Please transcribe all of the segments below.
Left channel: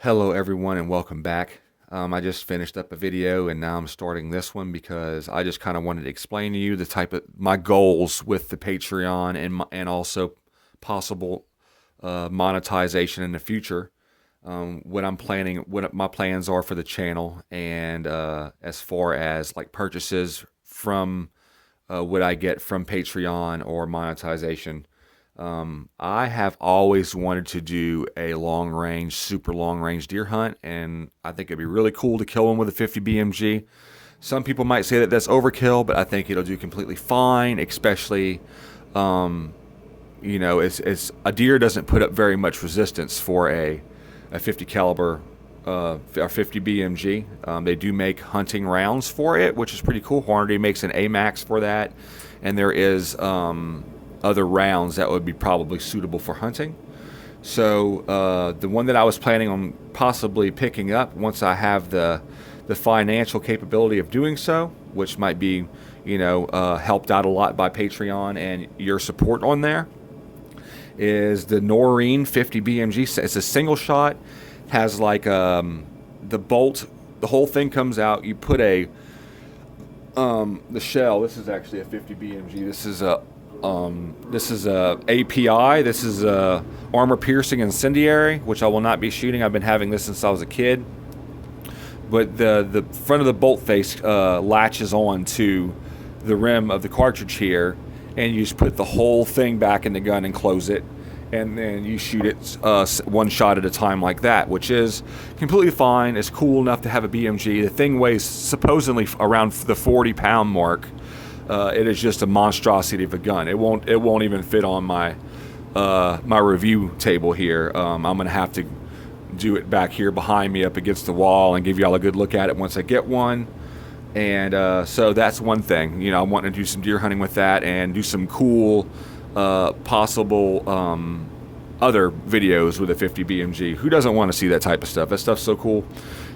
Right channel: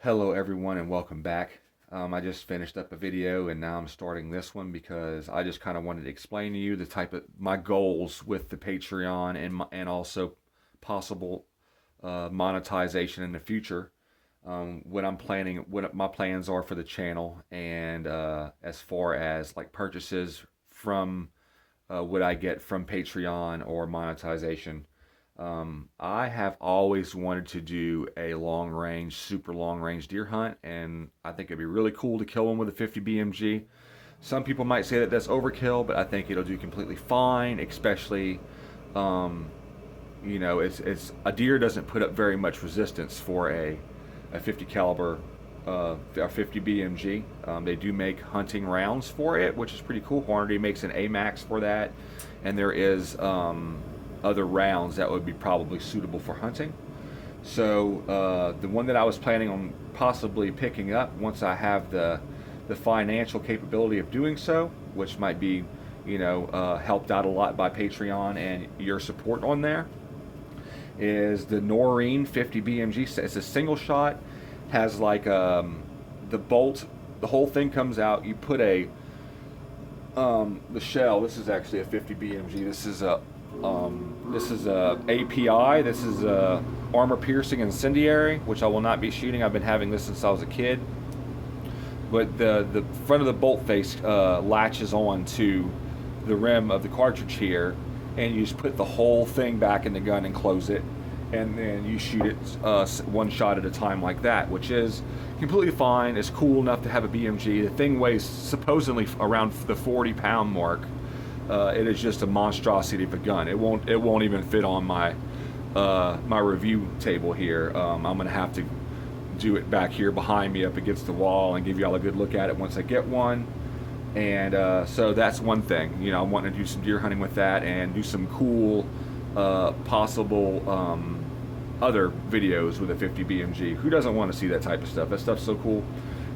Hello everyone and welcome back. I just finished up a video and now I'm starting this one because I just kind of wanted to explain to you the type of my goals with the Patreon and also possible monetization in the future. What I'm planning, what my plans are for the channel, and as far as like purchases from what I get from Patreon or monetization. I have always wanted to do a long range, super long range deer hunt, and I think it'd be really cool to kill one with a 50 BMG. Some people might say that that's overkill, but I think it'll do completely fine, especially, um, it's a deer doesn't put up very much resistance for a 50 caliber or 50 BMG. They do make hunting rounds for it, which is pretty cool. Hornady makes an AMAX for that, and there is other rounds that would be probably suitable for hunting. So the one that I was planning on possibly picking up once I have the financial capability of doing so, which might be, helped out a lot by Patreon and your support on there, is the Noreen 50 BMG. It's a single shot, has like the bolt, the whole thing comes out. You put the shell. This is actually a 50 BMG. This is a API. This is a armor piercing incendiary, which I will not be shooting. I've been having this since I was a kid. But the front of the bolt face latches on to the rim of the cartridge here, and you just put the whole thing back in the gun and close it, and then you shoot it one shot at a time like that, which is completely fine. It's cool enough to have a BMG. The thing weighs supposedly around the 40-pound mark. It is just a monstrosity of a gun. It won't even fit on my my review table here. I'm gonna have to do it back here behind me up against the wall and give y'all a good look at it once I get one. And so that's one thing. I'm wanting to do some deer hunting with that and do some cool possible other videos with a 50 BMG. Who doesn't want to see that type of stuff? That stuff's so cool.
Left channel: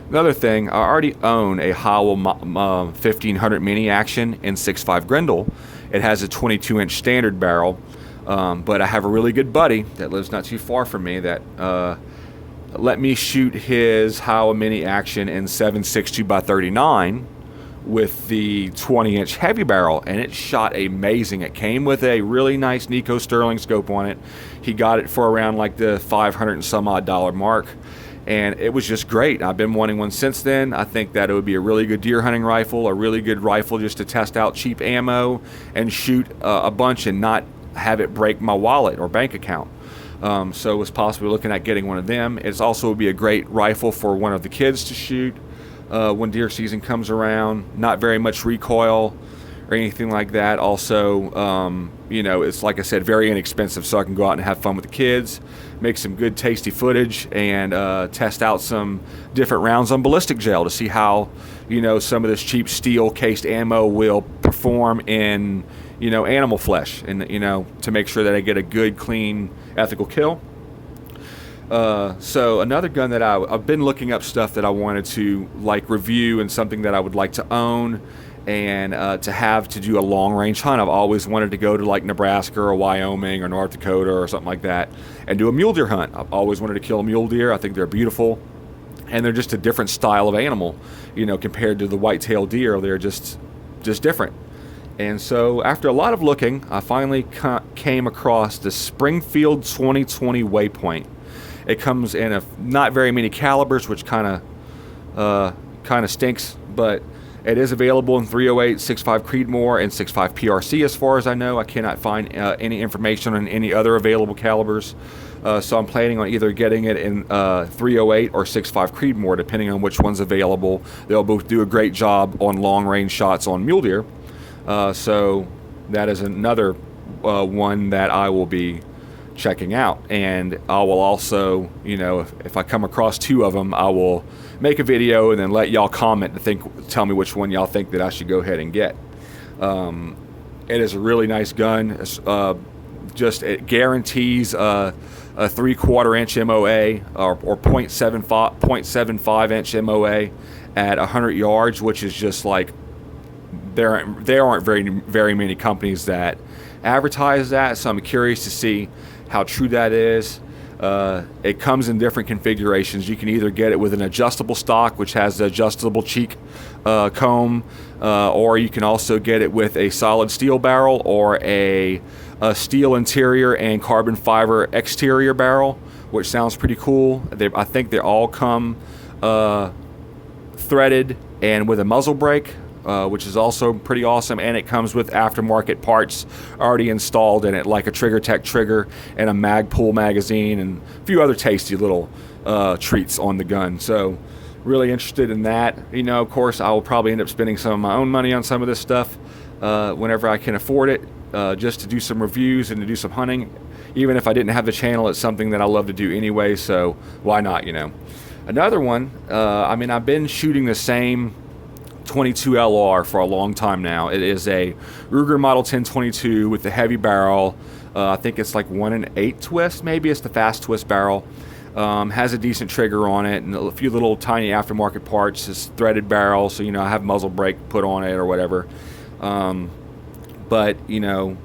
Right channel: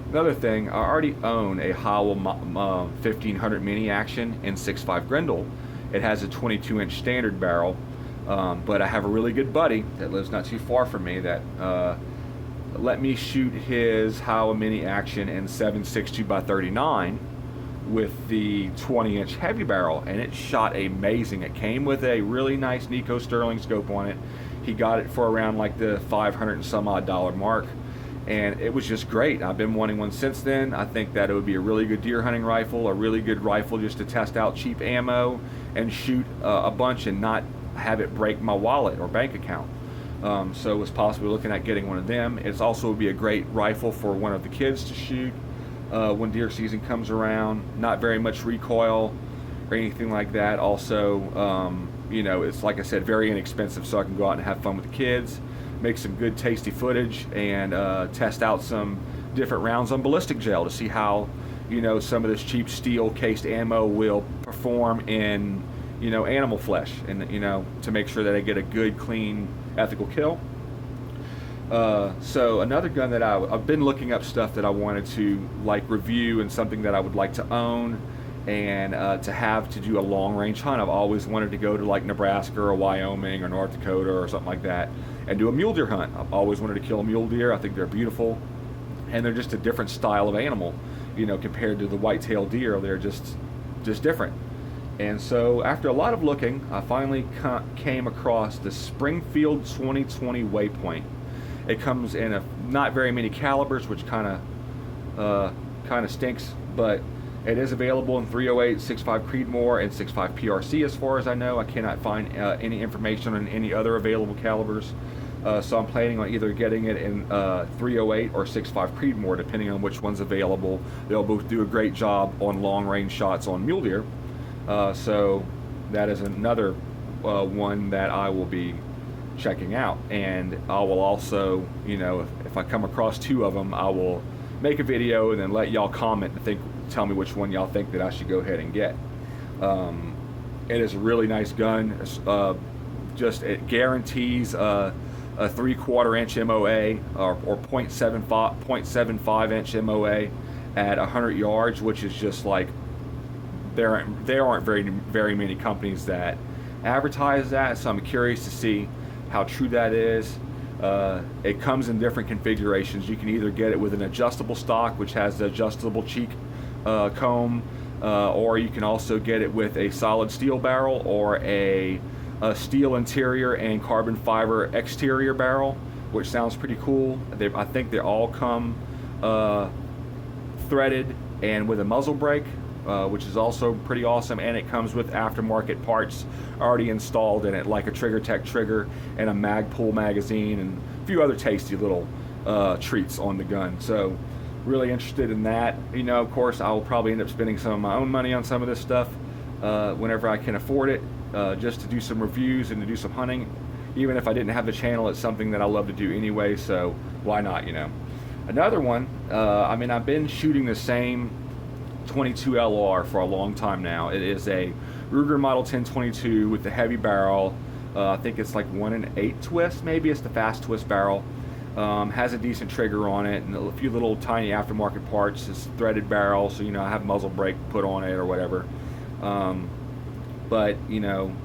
Another thing, I already own a Howell 1500 mini action in 6.5 Grendel. It has a 22-inch standard barrel, but I have a really good buddy that lives not too far from me that let me shoot his Howell mini action in 7.62 by 39 with the 20-inch heavy barrel, and it shot amazing. It came with a really nice Nico Sterling scope on it. He got it for around like the $500 and some odd mark. And it was just great. I've been wanting one since then. I think that it would be a really good deer hunting rifle, a really good rifle just to test out cheap ammo and shoot a bunch and not have it break my wallet or bank account. So I was possibly looking at getting one of them. It's also would be a great rifle for one of the kids to shoot when deer season comes around. Not very much recoil or anything like that. Also, it's like I said, very inexpensive, so I can go out and have fun with the kids, make some good tasty footage, and test out some different rounds on ballistic gel to see how, some of this cheap steel cased ammo will perform in, animal flesh, and, to make sure that I get a good, clean, ethical kill. So another gun that I've been looking up stuff that I wanted to like review and something that I would like to own and to do a long range hunt. I've always wanted to go to like Nebraska or Wyoming or North Dakota or something like that and do a mule deer hunt. I've always wanted to kill a mule deer. I think they're beautiful, and they're just a different style of animal, compared to the white-tailed deer. They're just different. And so after a lot of looking, I finally came across the Springfield 2020 Waypoint. It comes in not very many calibers, which kind of stinks, but it is available in 308, 6.5 Creedmoor, and 6.5 PRC as far as I know. I cannot find any information on any other available calibers. So I'm planning on either getting it in 308 or 6.5 Creedmoor, depending on which one's available. They'll both do a great job on long-range shots on mule deer. So that is another one that I will be checking out. And I will also, if I come across two of them, I will make a video and then let y'all comment and tell me which one y'all think that I should go ahead and get. It is a really nice gun. It guarantees a 3/4 inch MOA or 0.75 inch MOA at 100 yards, which is just like there aren't very many companies that advertise that. So I'm curious to see how true that is. It comes in different configurations. You can either get it with an adjustable stock, which has the adjustable cheek comb, or you can also get it with a solid steel barrel or a steel interior and carbon fiber exterior barrel, which sounds pretty cool. I think they all come threaded and with a muzzle brake, which is also pretty awesome, and it comes with aftermarket parts already installed in it, like a TriggerTech trigger and a Magpul magazine and a few other tasty little treats on the gun. So really interested in that. You know, of course, I will probably end up spending some of my own money on some of this stuff whenever I can afford it, just to do some reviews and to do some hunting. Even if I didn't have the channel, it's something that I love to do anyway, so why not, you know. Another one, I mean, I've been shooting the same 22 LR for a long time now. It is a Ruger Model 1022 with the heavy barrel. I think it's like 1 1/8 twist, maybe it's the fast twist barrel. Has a decent trigger on it and a few little tiny aftermarket parts. It's threaded barrel, so you know I have muzzle brake put on it or whatever. But you know,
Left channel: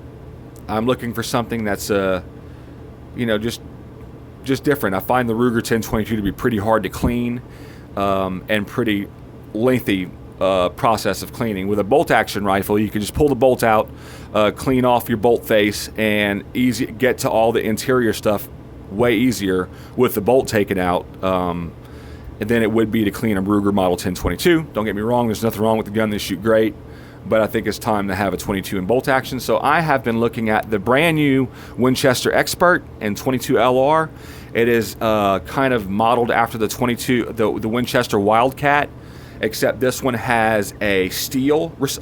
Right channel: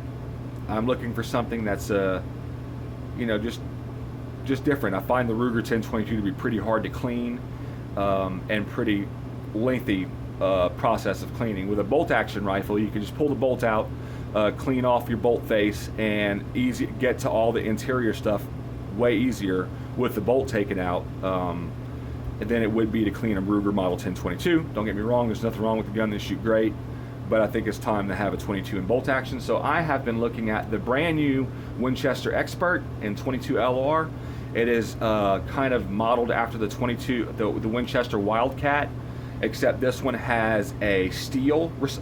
I'm looking for something that's you know, just different. I find the Ruger 1022 to be pretty hard to clean and pretty lengthy process of cleaning. With a bolt action rifle, you can just pull the bolt out, clean off your bolt face, and get to all the interior stuff way easier with the bolt taken out than it would be to clean a Ruger Model 1022. Don't get me wrong, there's nothing wrong with the gun. They shoot great, but I think it's time to have a 22 in bolt action. So I have been looking at the brand new Winchester Expert and 22 LR. It is kind of modeled after the 22, the Winchester Wildcat, except this one has a steel, let's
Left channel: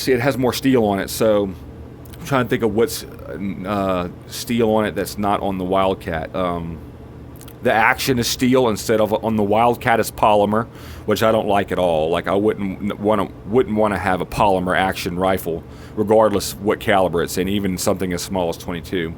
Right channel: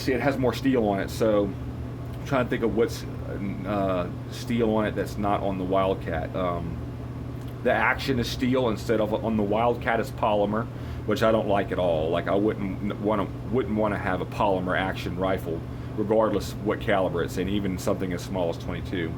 see, it has more steel on it. So I'm trying to think of what's steel on it that's not on the Wildcat. The action is steel instead of on the Wildcat is polymer, which I don't like at all. Like I wouldn't want to have a polymer action rifle, regardless what caliber it's in, even something as small as 22.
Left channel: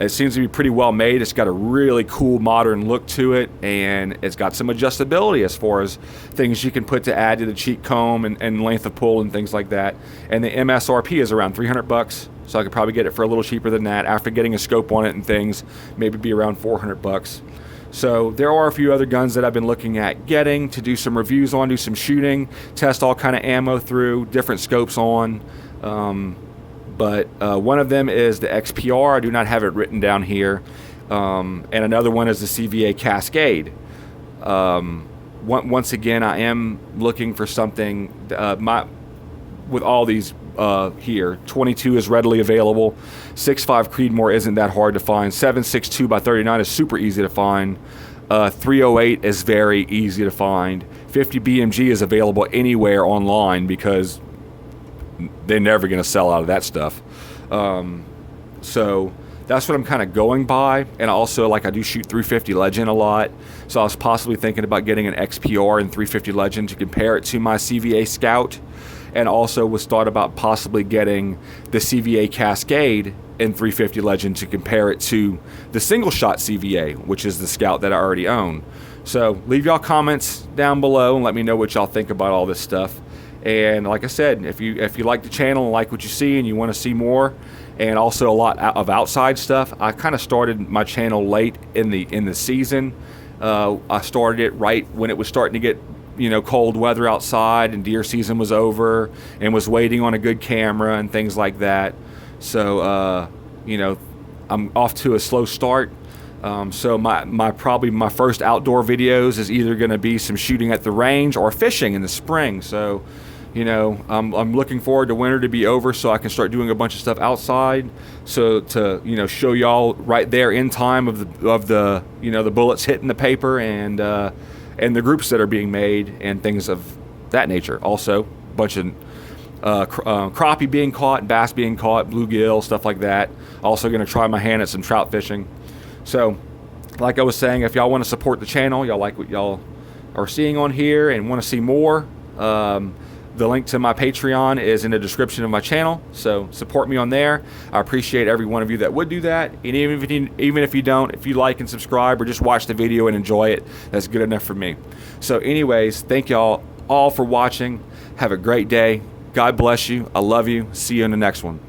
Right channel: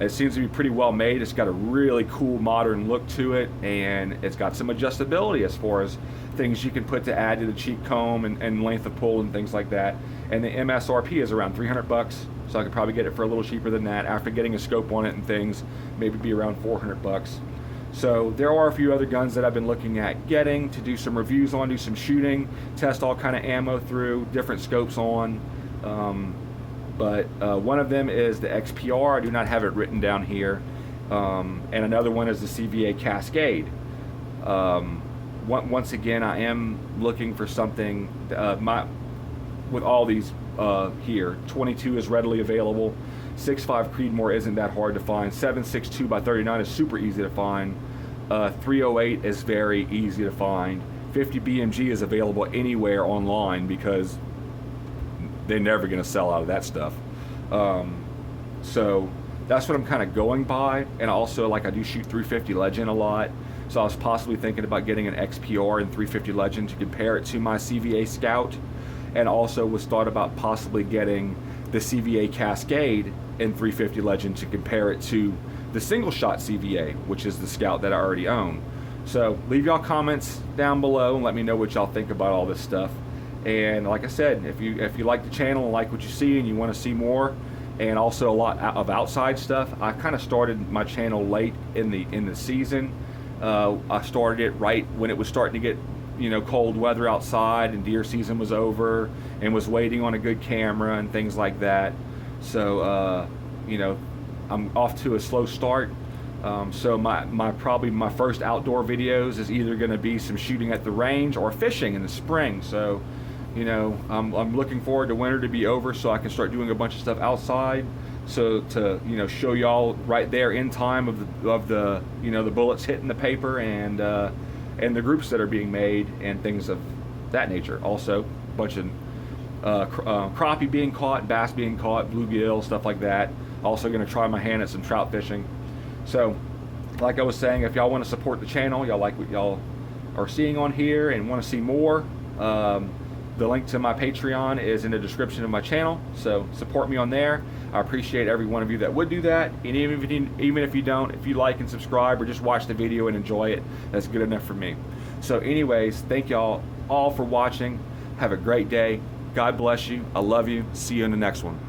It seems to be pretty well made. It's got a really cool modern look to it, and it's got some adjustability as far as things you can put to add to the cheek comb and length of pull and things like that. And the MSRP is around $300, so I could probably get it for a little cheaper than that. After getting a scope on it and things, maybe be around $400. So there are a few other guns that I've been looking at getting to do some reviews on, do some shooting, test all kind of ammo through, different scopes on. But one of them is the XPR. I do not have it written down here. And another one is the CVA Cascade. Once again, I am looking for something. With all these here, 22 is readily available. 6.5 Creedmoor isn't that hard to find. 7.62 by 39 is super easy to find. 308 is very easy to find. 50 BMG is available anywhere online because they're never going to sell out of that stuff. So that's what I'm kind of going by. And also, like, I do shoot 350 Legend a lot, so I was possibly thinking about getting an XPR and 350 Legend to compare it to my CVA Scout, and also was thought about possibly getting the CVA Cascade and 350 Legend to compare it to the single shot CVA, which is the Scout that I already own. So leave y'all comments down below and let me know what y'all think about all this stuff. And like I said, if you like the channel and like what you see and you want to see more, and also a lot of outside stuff, I kind of started my channel late in the season. I started it right when it was starting to get, you know, cold weather outside and deer season was over, and was waiting on a good camera and things like that. So you know, I'm off to a slow start. So probably my first outdoor videos is either going to be some shooting at the range or fishing in the spring. So, you know, I'm looking forward to winter to be over so I can start doing a bunch of stuff outside. So to, you know, show y'all right there in time of the you know, the bullets hitting the paper and the groups that are being made and things of that nature. Also, a bunch of crappie being caught, bass being caught, bluegill, stuff like that. Also going to try my hand at some trout fishing. So, like I was saying, if y'all want to support the channel, y'all like what y'all are seeing on here and want to see more, the link to my Patreon is in the description of my channel. So support me on there. I appreciate every one of you that would do that. And even if you don't, if you like and subscribe or just watch the video and enjoy it, that's good enough for me. So anyways, thank y'all all for watching. Have a great day. God bless you. I love you. See you in the next one.